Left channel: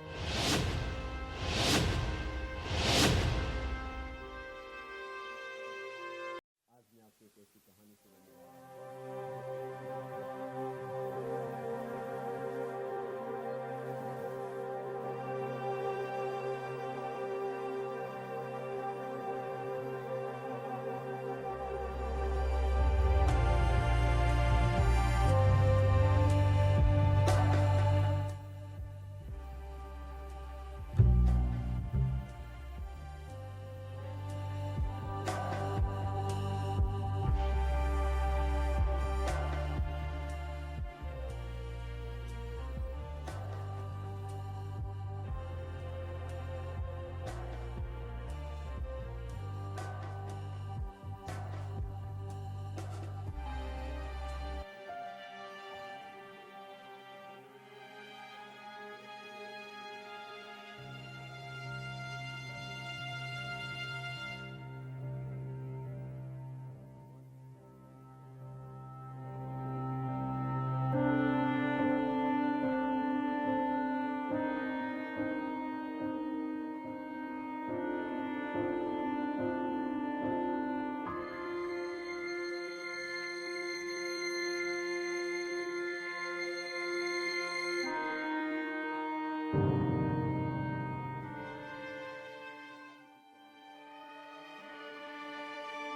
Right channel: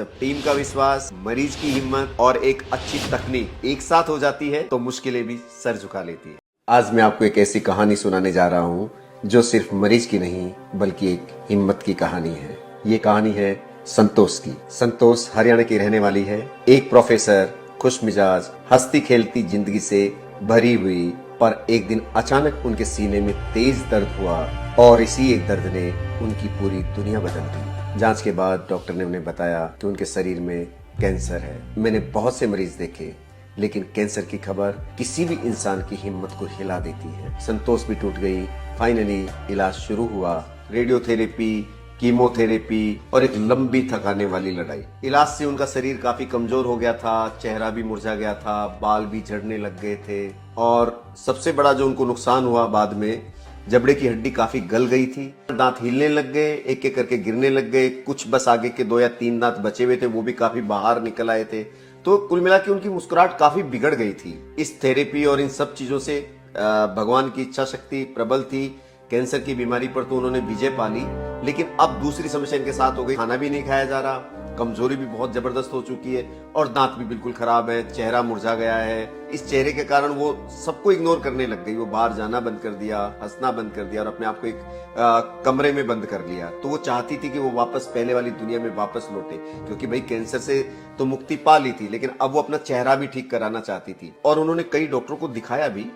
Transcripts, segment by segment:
जब टीम का विश्वास, मरीज की हिम्मत और एक अच्छी तकनीक एक साथ हो जाती है तो मुश्किलें भी सर झुका लेती है। आज मैं आपको एक ऐसी कहानी सुनाने जा रहा हूँ जो सिर्फ मरीज की नहीं बल्कि एक हिम्मत की कहानी है। ये कहानी है संतोष की। संतोष हरियाणा की रहने वाली है। एक प्रोफेसर, खुश मिजाज, हंसती खेलती जिंदगी से भरी हुई, पर एक दिन अचानक उनके सीने में तेज दर्द हुआ और इसी एक दर्द ने उनकी पूरी दुनिया बदल दी। जांच के बाद डॉक्टर ने उन्हें बताया कि उनके शरीर में कैंसर है। मैंने बहुत से मरीज देखे, लेकिन कैंसर की खबर किसी भी इंसान की हिम्मत को हिला देती है। संतोष भी टूट गई। फाइनली इलाज शुरू हुआ। रेडियोथेरेपी, कीमोथेरेपी और एक लंबी थकाने वाली लड़ाई। इलाज से उनका शरीर काफी कमजोर हो गया था, चेहरा भी मुरझा गया था, बाल भी झड़ने लग गए थे और सबसे बड़ा जो उनको नुकसान हुआ बाद में, जबड़े की हड्डी काफी गल गई थी। दांत हिलने लग गए, एक एक करके गिरने लग गए। कुछ बस आगे के 2 या 3 दांत बचे हुए थे, वो भी काफी बाहर निकल आए थे। तो कुल मिला के उनकी मुस्कुराहट काफी बिगड़ गई थी। इस थेरेपी और इन सब चीजों से भगवान की इच्छा शक्ति प्रबल थी। कैंसर की बीमारी पर तो उन्होंने विजय पा ली, लेकिन अब दूसरी समस्या इनके साथ हो गई। खाना भी नहीं खाया जा रहा, कमजोरी भी बहुत जबरदस्त हो चुकी है और दांत भी बिल्कुल खराब है, चेहरा मुरझा गया है। इस चेहरे के कारण वो सबको इग्नोर करने लग गई। वो बाहर जाना बंद कर दिया, हंसना बंद कर दिया और अपने आप को एक कमरे में बंद कर लिया। तो वो चाहती थी कि वो वापस पहले वाली दुनिया में वापस लौटे, क्योंकि भाई कैंसर से तो मुक्ति पा ली थी, लेकिन अब वो अपना चेहरा भी ठीक कराना चाहती थी। और उन्होंने कई डॉक्टरों को दिखाया भी,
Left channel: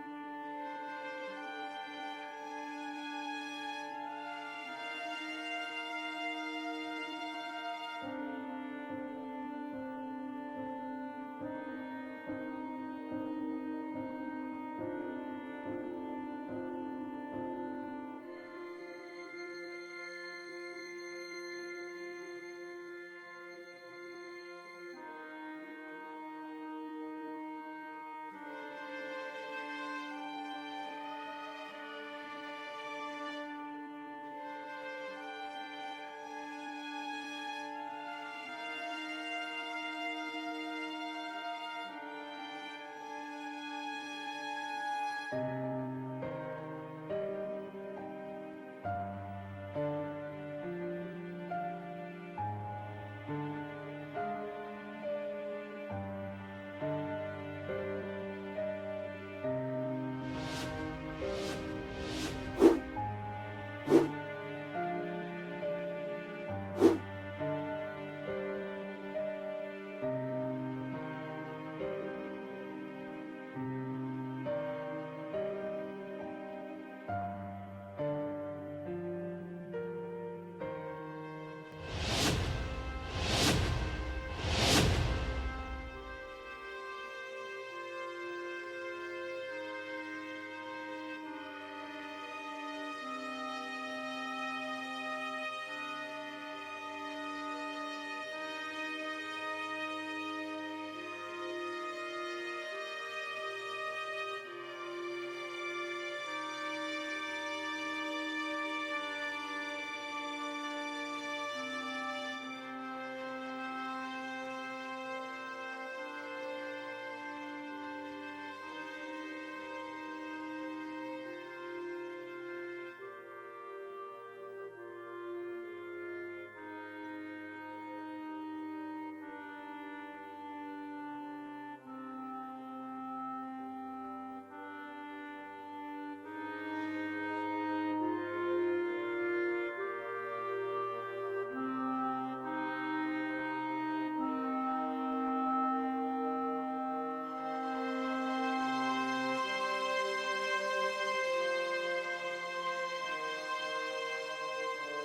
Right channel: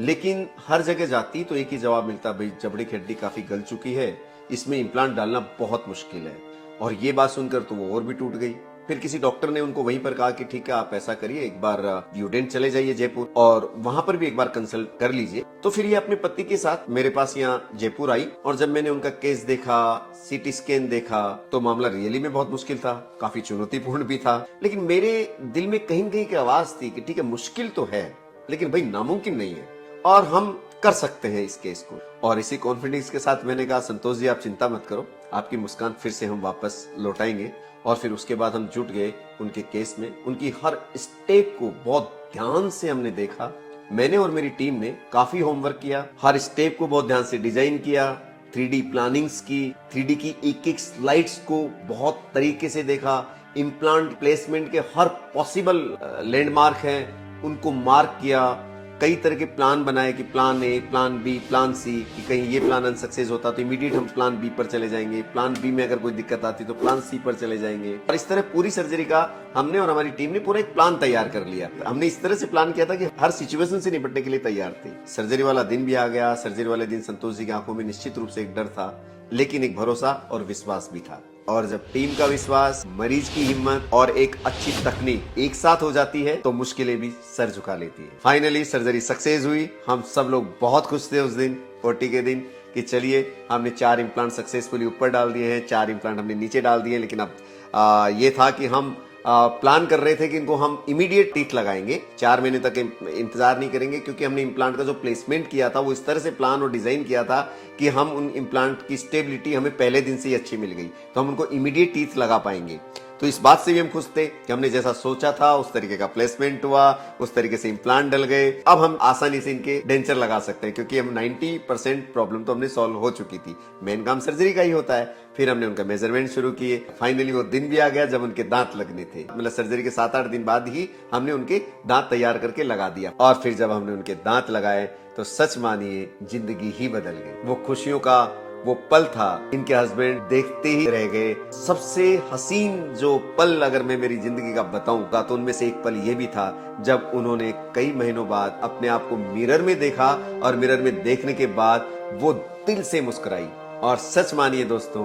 लेकिन हर जगह जाती तो एक ही जवाब मिलता, भाई जबड़े की हड्डी काफी गल चुकी है, इसमें इम्प्लांट डालना बहुत मुश्किल है। और ये बात सुनकर तो वो और भी टूट गई। फिर किसी डॉक्टर ने उनको वहीं पर कहा कि ठीक है, आप ऐसा करिए, एक बार यूडेंट चले जाइए जयपुर और वहां पर भी एक बार कंसल्ट कर लीजिए। तो फिर ये अपने पति के साथ मेरे पास यहाँ जयपुर आई और जब मैंने उनका केस देखा, सीटी स्कैन देखा, तो मामला रियली में बहुत मुश्किल था, काफी चुनौतीपूर्ण भी था। लेकिन मेरे दिल में कहीं कहीं की आवाज थी कि ठीक है, मुश्किल तो है, लेकिन भाई नामुमकिन नहीं है और हम कर सकते हैं इस केस को। और इसी कॉन्फिडेंस के साथ मैंने कहा, संतोष जी आप चिंता मत करो, आपकी मुस्कान फिर से हम वापस लौटाएंगे। और फिर उसके बाद हम जुट गए उनके केस में। उनकी हर स्टेप को बहुत ध्यान से हमने देखा। मैंने और मेरी टीम ने काफी होमवर्क किया, हर स्टेप को बहुत ध्यान से डिजाइन किया, 3D प्लानिंग्स की, 3D की एक एक स्लाइड्स को बहुत तरीके से देखा। इम्प्लांट प्लेसमेंट के हर पॉसिबल लैंडमार्क हैं, उनको मार्क किया। कई तरह के प्लान बनाए कि plan A, plan B, plan C, कि कहीं ये प्लान अनसक्सेस होता तो इमीडिएट हम प्लान बी पर चले जाएंगे, प्लान बी में अगर कोई दिक्कत आती तो प्लान सी पर चले जाएंगे। और इस तरह पूरी सर्जरी का हमने और हमारी टीम ने पूरा एक प्लान तैयार कर लिया। हमने इस तरह से प्लान किया था कि हर सिचुएशन से निपटने के लिए तैयार थे। सर्जरी वाला दिन भी आ गया। सर्जरी वाले दिन संतोष जी की आंखों में निश्चित रूप से एक डर था, लेकिन एक भरोसा और विश्वास भी था। और जब टीम का विश्वास, मरीज की हिम्मत और एक अच्छी तकनीक एक साथ हो जाती है तो मुश्किलें भी सर झुका लेती है। फाइनली सर्जरी सक्सेस हुई। हम सब लोग बहुत खुश थे उस दिन, ओटी के दिन, कि चलिए हमने 4 इम्प्लांट सक्सेसफुली ऊपर डाल दिए हैं, 4 इम्प्लांट हमने नीचे डाल दिए। लेकिन अब ये था कि हम प्लान कर रहे थे कि इनको हम इमीडिएट टीथ लगाएंगे, 4 महीने तक इंतजार नहीं करेंगे, क्योंकि हमने इम्प्लांट का जो प्लेसमेंट किया था वो इस तरह से प्लान और डिजाइन किया था कि हम उन इम्प्लांट की स्टेबिलिटी हमें पहले दिन से ही अच्छी मिल गई, तो हम उनको इमीडिएट टीथ लगा पाएंगे। तो इस बात से भी हम खुश थे कि हमने जैसा सोचा था उस तरीके का प्लेसमेंट हुआ, उस तरीके से इम्प्लांट डल गए। अब हम आसानी से इनके डेंचर लगा सकते हैं, क्योंकि हम 90% प्रॉब्लम तो हमने सॉल्व हो चुकी थी। मेन काम सर्जरी का ही होता है। फिर हमने उनका मेजरमेंट शुरू किए। फाइनली वो दिन भी आ गया जब उनके दांत लगने थे। मतलब सर्जरी के 7-8 दिन बाद ही हमने उनके दांत तैयार करके लगा दिया। और फिर जब हमने उनके दांत लगाए तो सच मानिए जिंदगी ही बदल गई। वो खुशियों का वो पल था, इनके हस्बैंड देखते ही रह गए। सबसे हसीन जो पल अगर मैं मेरी जिंदगी का बताऊंगा तो उनमें से एक पल ये भी था जब उन्होंने कई महीनों बाद अपने आप को मिरर में देखा और मिरर में देखने के बाद वो दिल से मुस्कुराई। और सच मानिए दोस्तों,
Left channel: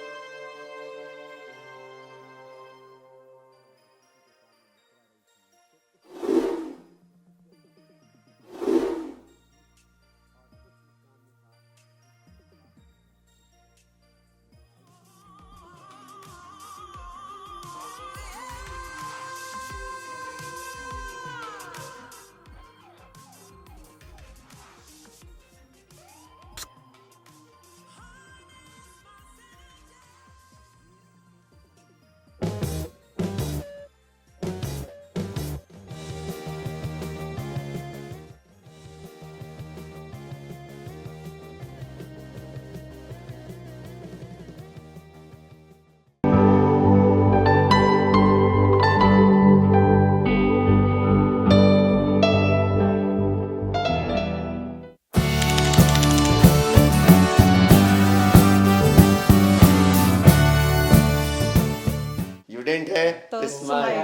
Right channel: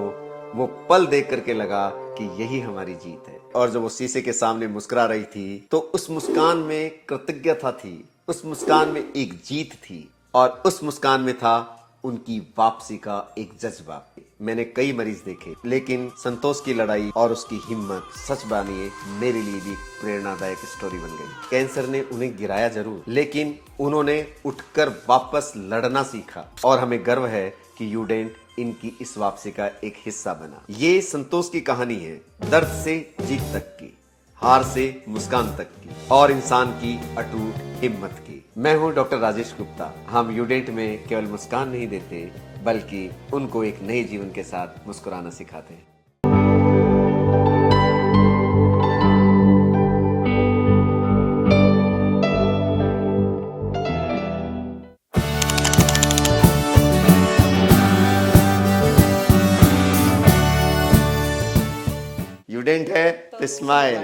वो पल देख करके लगा कि यही हमारी जीत है। और जब वो शीशे के सामने मुस्कुरा रही थी तो उस मुस्कान में कृतज्ञता थी, उस मुस्कान में एक जीत थी और उस मुस्कान में था उनकी वापसी का एक जज्बा। मैंने कई मरीज देखे, लेकिन संतोष की लड़ाई और उसकी हिम्मत सच मानिए मेरे लिए भी प्रेरणादायक स्टोरी बन गई। कैंसर ने उन्हें गिराया जरूर, लेकिन उन्होंने उठकर वापस लड़ना सीखा और हमें गर्व है कि यूडेंट इनकी इस वापसी का एक हिस्सा बना। ये संतोष की कहानी है, दर्द से जीत तक की, हार से मुस्कान तक की और इंसान की अटूट हिम्मत की। मैं हूं डॉक्टर राजेश गुप्ता। हम यूडेंट में केवल मुस्कान नहीं देते, बल्कि उनको एक नए जीवन के साथ मुस्कुराना सिखाते हैं। यूडेंट है तो स्माइल।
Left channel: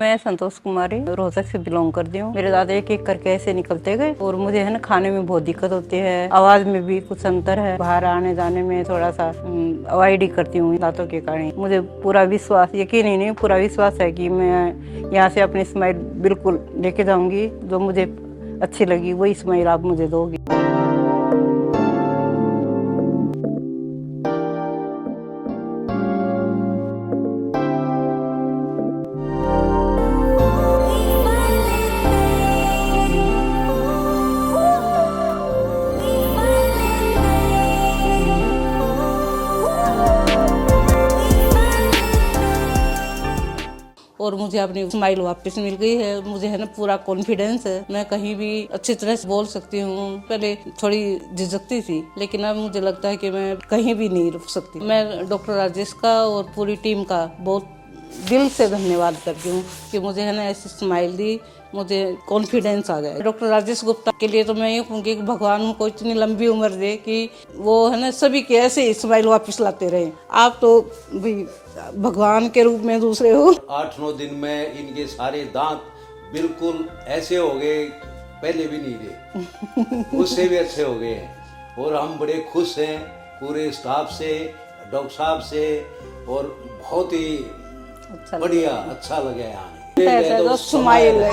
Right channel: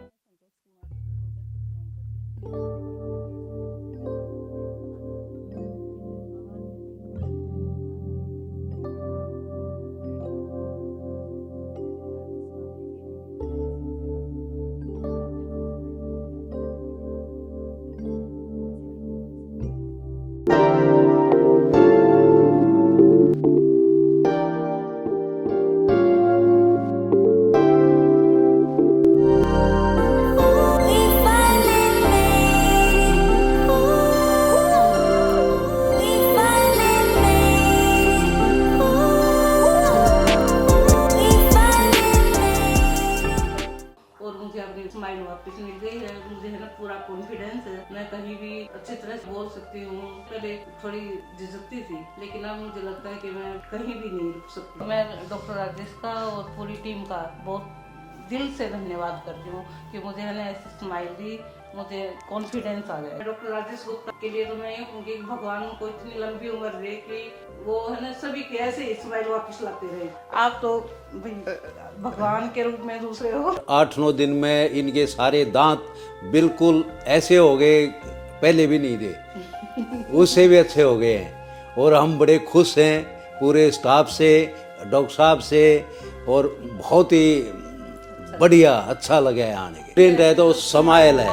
मैं संतोष कुमारी रोहतक से बिलोंग करती हूँ। मेरे दादा एक एक करके ऐसे निकलते गए और मुझे है ना खाने में बहुत दिक्कत होती है, आवाज में भी कुछ अंतर है, बाहर आने जाने में थोड़ा सा अवॉइड ही करती हूँ दांतों के कारण। मुझे पूरा विश्वास, यकीन ही नहीं, पूरा विश्वास है कि मैं यहाँ से अपनी स्माइल बिल्कुल लेके जाऊंगी। जो मुझे अच्छी लगी वही स्माइल आप मुझे दोगी। और मुझे अपनी स्माइल वापस मिल गई है। मुझे है ना पूरा कॉन्फिडेंस है, मैं कहीं भी अच्छी तरह से बोल सकती हूँ। पहले थोड़ी झिझकती थी, लेकिन अब मुझे लगता है कि मैं कहीं भी नहीं रुक सकती। मैं डॉक्टर राजेश का और पूरी टीम का बहुत दिल से धन्यवाद करती हूँ कि मुझे है ना ऐसी स्माइल दी, मुझे कॉन्फिडेंस आ गया। डॉक्टर राजेश गुप्ता के लिए तो मैं ये कहूँगी कि भगवान उनको इतनी लंबी उम्र दे कि वो है ना सभी के ऐसे स्माइल वापस लाते रहे। आप तो भी भगवान के रूप में दूसरे हो। 8-9 दिन में इनके सारे दांत बिल्कुल ऐसे हो गए, पहले भी नहीं थे, उससे भी अच्छे हो गए हैं। और हम बड़े खुश हैं पूरे स्टाफ से, डॉक्टर साहब से, और बहुत ही बढ़िया अच्छा लगा है आने के। तो स्माइल है।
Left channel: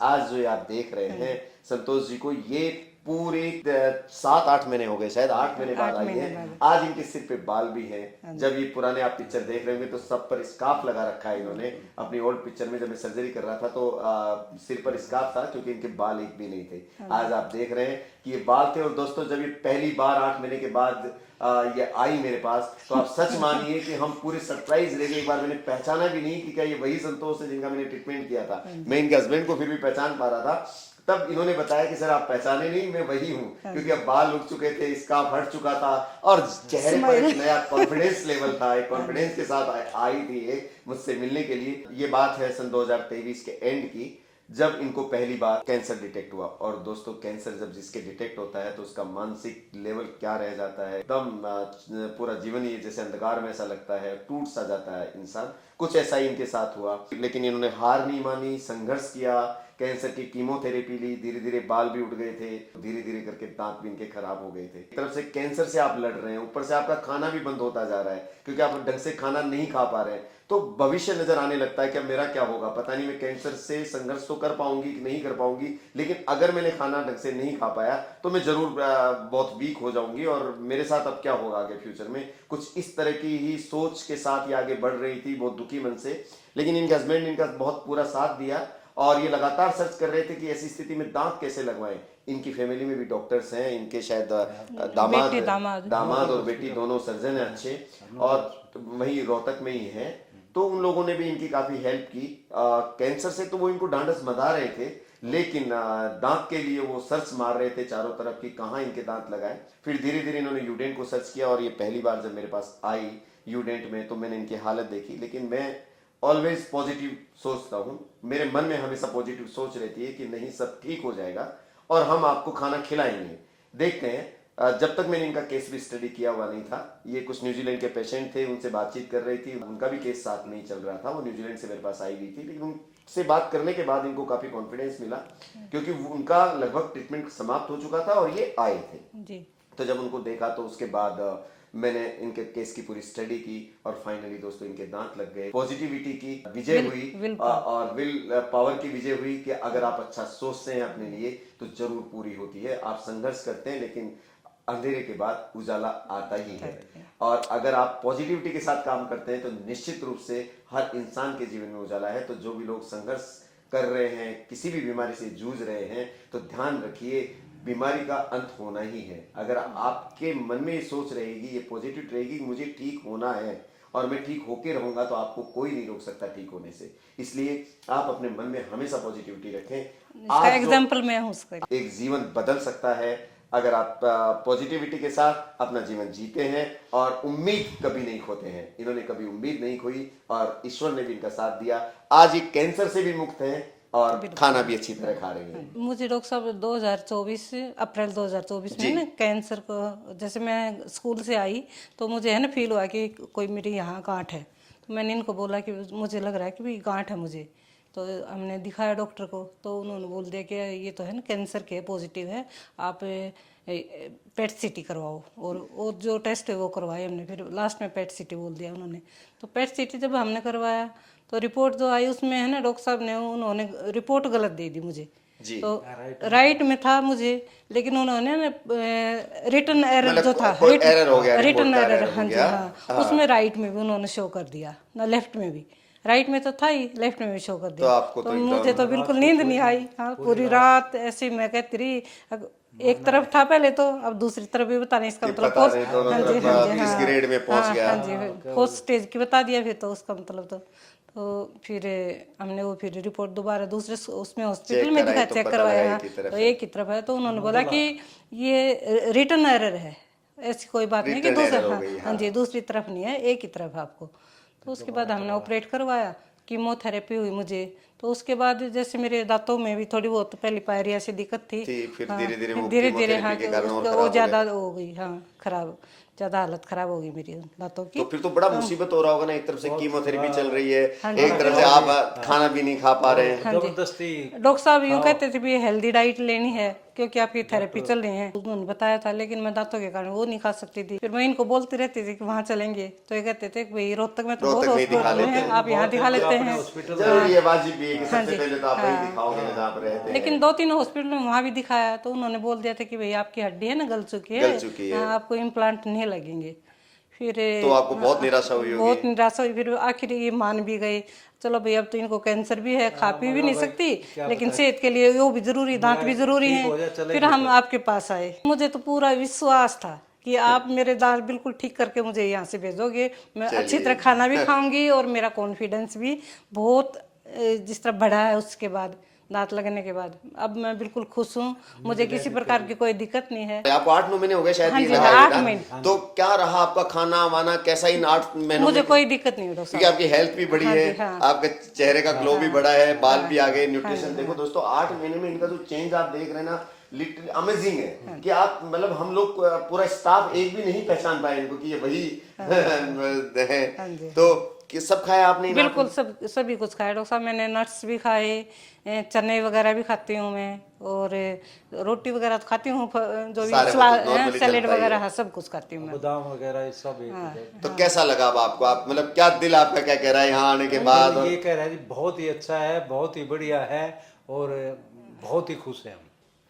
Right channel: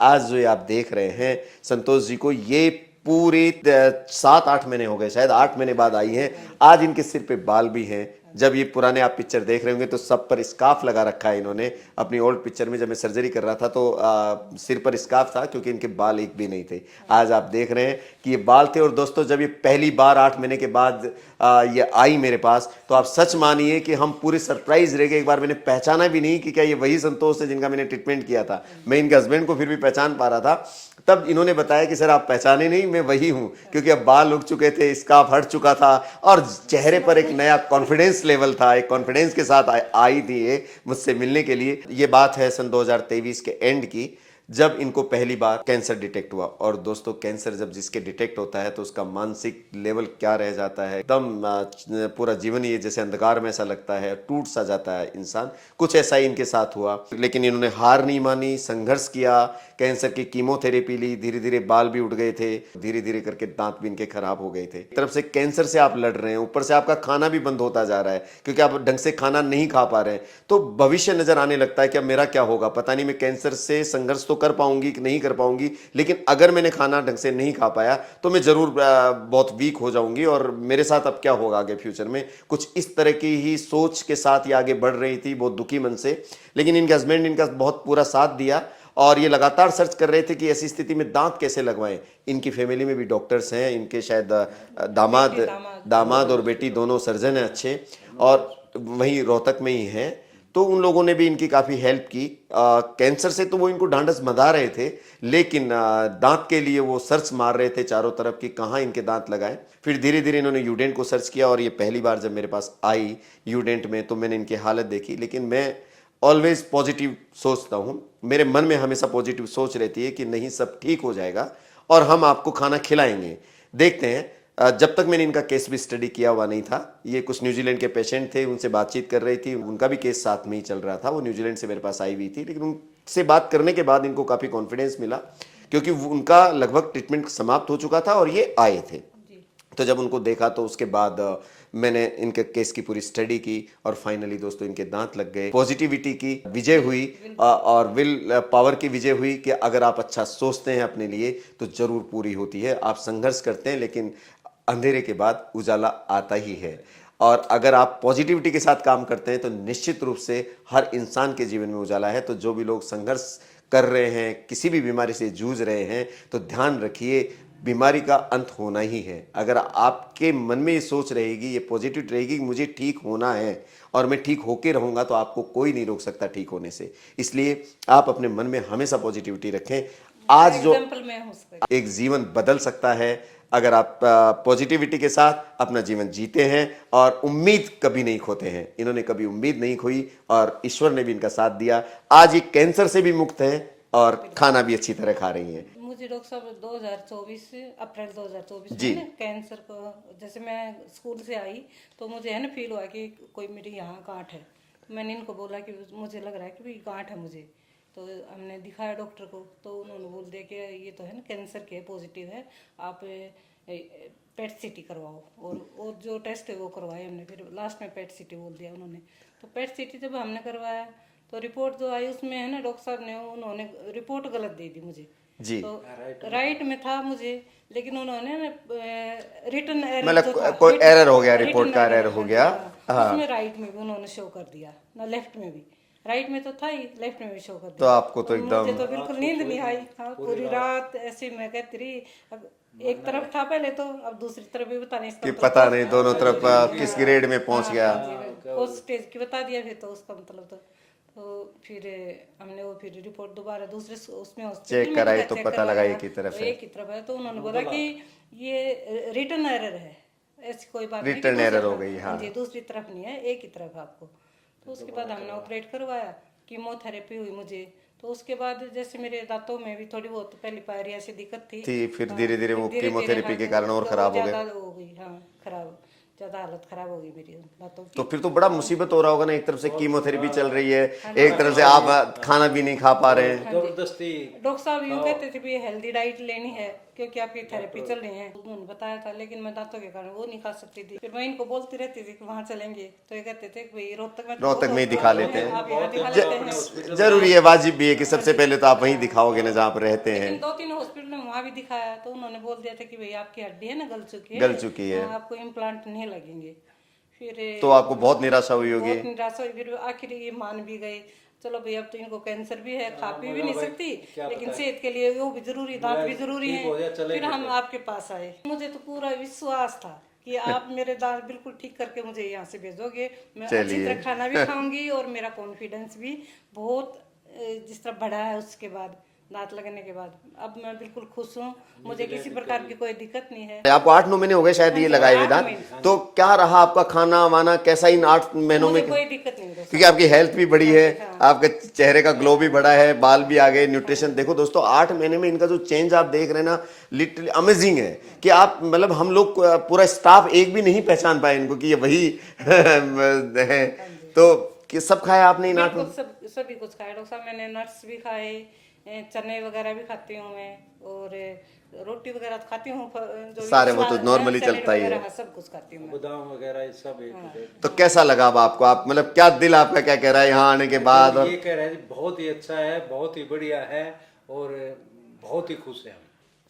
आज जो ये आप देख रहे हैं संतोष जी को, ये पूरी 7-8 महीने हो गए, शायद 8 महीने बाद आई हैं। आज इनके सिर पे बाल भी हैं। जब ये पुराने आप पिक्चर देख रहे होंगे तो सब पर स्कार्फ लगा रखा है इन्होंने। अपनी ओल्ड पिक्चर में जब मैं सर्जरी कर रहा था तो सिर पर स्कार्फ था क्योंकि इनके बाल एक भी नहीं थे। आज आप देख रहे हैं कि ये बाल थे। और दोस्तों जब ये पहली बार 8 महीने के बाद ये आई मेरे पास तो आप सच मानिए कि हम पूरे सरप्राइज रह गए। एक बार मैंने पहचाना भी नहीं कि क्या ये वही संतोष है जिनका मैंने ट्रीटमेंट किया था। मैं इनके हस्बैंड को फिर भी पहचान पा रहा था। तब इन्होंने बताया कि सर आप पहचाने नहीं, मैं वही हूं, क्योंकि अब बाल उग चुके थे, स्कार्फ हट चुका था और चेहरे पर एक नया कॉन्फिडेंस लेवल था। एक कॉन्फिडेंस के साथ आई थी ये मुझसे मिलने के लिए। ये बात है सन 2023 के एंड की, जब इनको पहली बार कैंसर डिटेक्ट हुआ। और दोस्तों कैंसर जब जिसके डिटेक्ट होता है तो उसका मानसिक लेवल क्या रह जाता है, एकदम पूरा जीवन ये जैसे अंधकार में ऐसा लगता है, टूट सा जाता है इंसान। कुछ ऐसा ही इनके साथ हुआ, लेकिन इन्होंने हार नहीं मानी, संघर्ष किया, कैंसर की कीमोथेरेपी ली, धीरे धीरे बाल भी उठ गए थे, धीरे धीरे करके दांत भी इनके खराब हो गए थे। एक तरफ से कैंसर से आप लड़ रहे हैं, ऊपर से आपका खाना भी बंद होता जा रहा है क्योंकि आप ढंग से खाना नहीं खा पा रहे हैं। तो भविष्य नजर आने लगता है कि अब मेरा क्या होगा, पता नहीं मैं कैंसर से संघर्ष तो कर पाऊंगी कि नहीं कर पाऊंगी, लेकिन अगर मैंने खाना ढंग से नहीं खा पाया तो मैं जरूर बहुत वीक हो जाऊंगी और मेरे साथ अब क्या होगा आगे फ्यूचर में। कुछ इस तरह की ही सोच के साथ ये आगे बढ़ रही थी, बहुत दुखी मन से। लेकिन इनके हस्बैंड ने इनका बहुत पूरा साथ दिया और ये लगातार सर्च कर रहे थे कि ऐसी स्थिति में दांत कैसे लगवाएं। इनकी फैमिली में भी डॉक्टर्स हैं, इनके शायद दामाद और बेटी दोनों सर्जन हैं अच्छे, और वहीं रोहतक में ही हैं। तो उन लोगों ने भी इनकी काफ़ी हेल्प की। कैंसर से तो वो इनको ढांढस बंधा रहे थे, लेकिन दांत के लिए वो सर्च मार रहे थे चारों तरफ कि कहाँ इनके दांत लगाए। फिर धीरे धीरे इन्होंने यूडेंट को सर्च किया और ये पहली बार जब मेरे पास आई यूडेंट में तो मैंने इनकी हालत देखी। लेकिन मैं ऑलवेज पॉजिटिव सोचता हूँ, मेरे मन में हमेशा पॉजिटिव सोच रहती है कि नहीं सब ठीक हो जाएगा और हम आपको खाना खिलाएंगे। देखते हैं। जब तक मैंने इनका केस भी स्टडी किया हुआ नहीं था, ये कुछ न्यूजीलैंड के पेशेंट थे, उनसे बातचीत कर रही थी, उनका भी केस साथ में ही चल रहा था। वो न्यूजीलैंड से मेरे पास आई हुई थी, लेकिन उनसे बात करने के बाद इनको काफ़ी कॉन्फिडेंस मिला क्योंकि उनका लगभग ट्रीटमेंट समाप्त हो चुका था और ये आए थे। तो जब उनको देखा तो उसके बाद मैंने इनके केस की पूरी स्टडी की और फाइनली दोस्तों इनके दांत लग गए। पॉजिटिविटी की विजय हुई और विल पावर की विजय हुई कि अगर आप अच्छा सोचते हैं अपने लिए तो जरूर पूरी होती है। आप संघर्ष करते हैं लेकिन अंधेरे के बाद उजाला आता ही है, और अगर आप पॉजिटिविटी के साथ काम करते हैं तो निश्चित रूप से हर इंसान के जीवन में उजाला है। तो जो भी लोग संघर्ष कर रहे हैं, किसी भी बीमारी से जूझ रहे हैं, तो ध्यान रखिए बीमारी का अंत होना ही है। अगर आपके मन में ये सोच रहेगी, ये पॉजिटिव रहेगी कि मुझे ठीक होना है और मैं ठीक होके रहूंगा, तो आपको कोई नहीं रोक सकता ठीक होने से। इसलिए आप अपने मन में हमेशा पॉजिटिविटी रखें। आज जो एग्जाम्पल में हूं उसका, एक जीवन बदल सकता है, अगर आप पॉजिटिविटी के साथ अपना जीवन जीते हैं और उम्मीद कभी नहीं खोते हैं। इन्होंने कभी उम्मीद नहीं खोई और ईश्वर ने भी इनका साथ दिया। आज ये कैंसर से भी मुक्त हैं और खाना भी अच्छी तरह खा रही हैं। मुझे डॉक्टर साहब 2024 अप्रैल 2024 जी। में ना कैंसर को, जैसे मैं स्कूल से आई तो मुझे है ना फील हुआ कि कोई मेरे यहाँ गांठ है। तो मैंने इनको बोला कि मुझे लग रहा है कि भाई गांठ है मुझे। तो हमने दिखाया डॉक्टर को, तो उन्होंने बोल दिया कि ये तो है ना कैंसर के पॉजिटिव है, आप पेट सीटी करवाओ। और वो जो टेस्ट है वो करवाए हमने, फिर लास्ट में पेट सीटी बोल दिया उन्होंने। तो पेट सीटी जब हमने करवाया तो रिपोर्ट जो आई उसमें है ना डॉक्टर साहब ने उन्होंने रिपोर्ट गलत दे दी मुझे। जी। तो राइट में था मुझे, लेकिन उन्होंने ना रिटर्न एरर मतलब जो था, कोई error हो गया, रिटर्न report का एरर error हो गया। उसमें राइट में भी उन्होंने शो कर दिया ना, लेफ्ट में भी। राइट में तो था ही, लेफ्ट में भी शो कर दिया। तो आपको तो एकदम मुझे तो बिल्कुल नींद नहीं आई। हाँ, पूरी रात ऐसी मैं कहती रही। अब एक तरफ था पहले तो, अब दूसरी तरफ भी बता नहीं इसका मतलब पता नहीं दोनों तरफ किस ग्रेड में पहुंच गया। हाँ जी, फर्स्ट स्टेज की बता दिया फिर तो उसका मतलब तो फिर हमने वो फिर रिपोर्ट दोबारा दूसरे उसमें हॉस्पिटल में दिखाया, चेक करवाया तो एक ही तरफ है। तो उन्होंने बोला कि ये रिटर्न एरर है, ऐसी कोई बात नहीं कि दूसरा, हाँ जी दूसरी तरफ नहीं है, एक ही तरफ आपको। तो उसके बाद हमने ऑपरेट करवाया, कीमोथेरेपी हुई मुझे। तो उसके बाद जैसे मेरे दांतों में भी थोड़ी बहुत पहले पायरिया से दिक्कत थी, फिर धीरे धीरे वो कीमोथेरेपी के कारण और खराब ज्यादा हो गई। हाँ, खराब, ज्यादा हालत खराब हो गई मेरी दांतों की। तो फिर तो बड़ा मुसीबत हो रहा होगा ना, एक तरफ से कीमोथेरेपी चल रही है, एक तरफ से आप खाना भी नहीं खा पा रहे हैं। डॉक्टर साहब यूँ कहते थे भी हेल्दी डाइट लेनी है क्योंकि आपकी थेरेपी चल रही है, उन्होंने बताया था। लेकिन मैं दांतों के कारण वो नहीं खा सकती थी। फिर मैं इनको बोलती रहती थी कि वहाँ चलेंगे, तो ये कहते थे कि भाई रोहतक में तो रोहतक में दिखा लेते हैं, आप यहाँ दिखा लेते हैं। जरूरी है, वाजिब भी है कि सबसे पहले तो आप वहीं दिखाओगे ना जहाँ पर रहते हैं। लेकिन 2-3 हॉस्पिटल में वहाँ भी दिखाया तो उन्होंने बोल दिया था कि भाई आपकी हड्डी है ना गल चुकी है, आपको इम्प्लांट नहीं लगेंगे। फिर तो आपको बहुत निराशा हुई होगी। बहुत निराशा हुई। फिर आखिर ये मान भी गई, चलो भाई अब तो इनको कैंसर भी है, खा पी भी नहीं सकती, लेकिन सेहत के लिए वो भी जरूरी, दांत भी जरूरी हैं। फिर हम आपके पास आए। मुझे तो पूरा विश्वास था कि आप मेरे दांत बिल्कुल ठीक करके मुझे यहाँ से भेजोगे, मैं अच्छी तरह खाना भी खाऊंगी और मेरा कॉन्फिडेंस भी बहुत जिस तरह बढ़ा है उसके बाद, दांत लगने के बाद। अब मैं बिल्कुल खुश हूँ, मुझे किसी प्रकार की कोई दिक्कत नहीं है। आपको 8-9 महीने हो गए शायद ये लगाए हुए दांत। तो क्या रहा आपका खाना वाना, कैसा इन 8 महीनों मुझे में? कोई दिक्कत नहीं होता, क्योंकि आपकी हेल्थ भी बढ़ी है, आपके चेहरे का ग्लो भी बढ़ा है, बाल भी आ गए, न्यूट्रिशन देखो दोस्तों 8 महीने में इनका जो चेंज आप देख रहे हैं ना, लिटरली अमेजिंग है कि आप मतलब हम लोग पूरा स्टाफ एक भी नहीं पहचान पाए इनको कि ये वही है। तो कि सब खाया आपने? बिल्कुल सभी कुछ खाया डॉक्टर साहब। मैंने नट्स भी खाए, चने वगैरह भी खाती हूँ मैं, और रोटी वगैरह तो खाती हूँ, जो भी सैलेड वगैरह हाँ, सब कुछ खाती हूँ मैं, बादाम वगैरह सब। तो कैसा लगा अब आपको? आप मतलब क्या दिल आपका क्या कह रहा है यहाँ आने के बाद? ये कह रहा है बहुत ही अच्छा है, बहुत ही बढ़िया है और बहुत ही खुश है।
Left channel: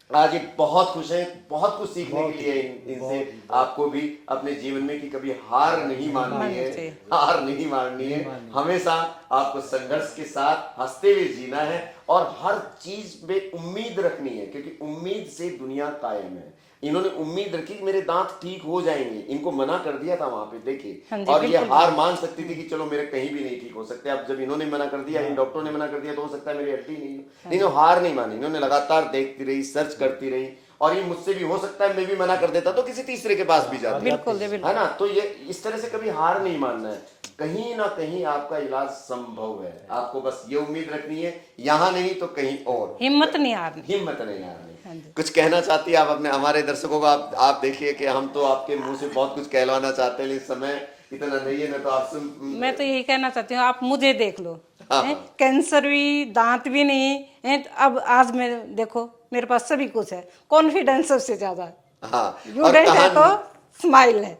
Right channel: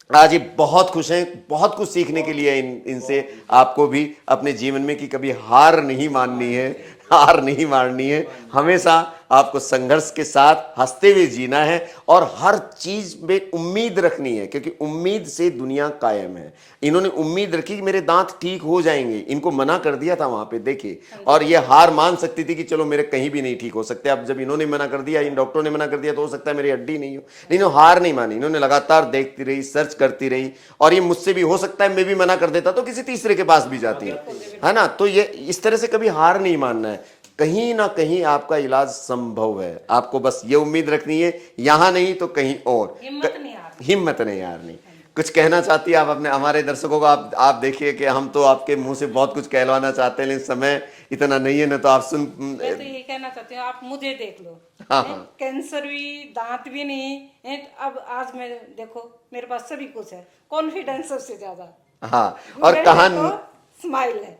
आज ये बहुत खुश हैं, बहुत कुछ सीखने के लिए इनसे आपको भी अपने जीवन में कि कभी हार नहीं माननी है, हार नहीं मारनी है, हमेशा आपको संघर्ष के साथ हंसते हुए जीना है और हर चीज में उम्मीद रखनी है, क्योंकि उम्मीद से दुनिया कायम है। इन्होंने उम्मीद रखी कि मेरे दांत ठीक हो जाएंगे, इनको मना कर दिया था वहां पे देखिए, और ये हार मान सकती थी कि चलो मेरे कहीं भी नहीं ठीक हो सकते। अब जब इन्होंने मना कर दिया, इन डॉक्टरों ने मना कर दिया, तो हो सकता है मेरी हड्डी नहीं हो, लेकिन हार नहीं मानी। इन्होंने लगातार देखती रही, सर्च करती रही, और ये मुझसे भी हो सकता है मैं भी मना कर देता तो किसी तीसरे के पास भी जाती है ना। तो ये इस तरह से कभी हार नहीं मानना है, कहीं ना कहीं आपका इलाज संभव है। आपको बस ये उम्मीद रखनी है, यहाँ नहीं तो कहीं और, हिम्मत नहीं हारनी, हिम्मत नहीं हारनी। कुछ कहना चाहती है आप अपने हमारे दर्शकों को? आप देखिए कि हम तो आपके मुंह से बहुत कुछ कहलवाना चाहते हैं, लेकिन समय इतना नहीं है ना, तो आप सुन। मैं तो यही कहना चाहती हूँ, आप मुझे देख लो, कैंसर भी, दांत भी नहीं है, अब आज मैं देखो मेरे पास सभी कुछ है, कॉन्फिडेंस सबसे ज्यादा। हाँ, और कहानी स्माइल है।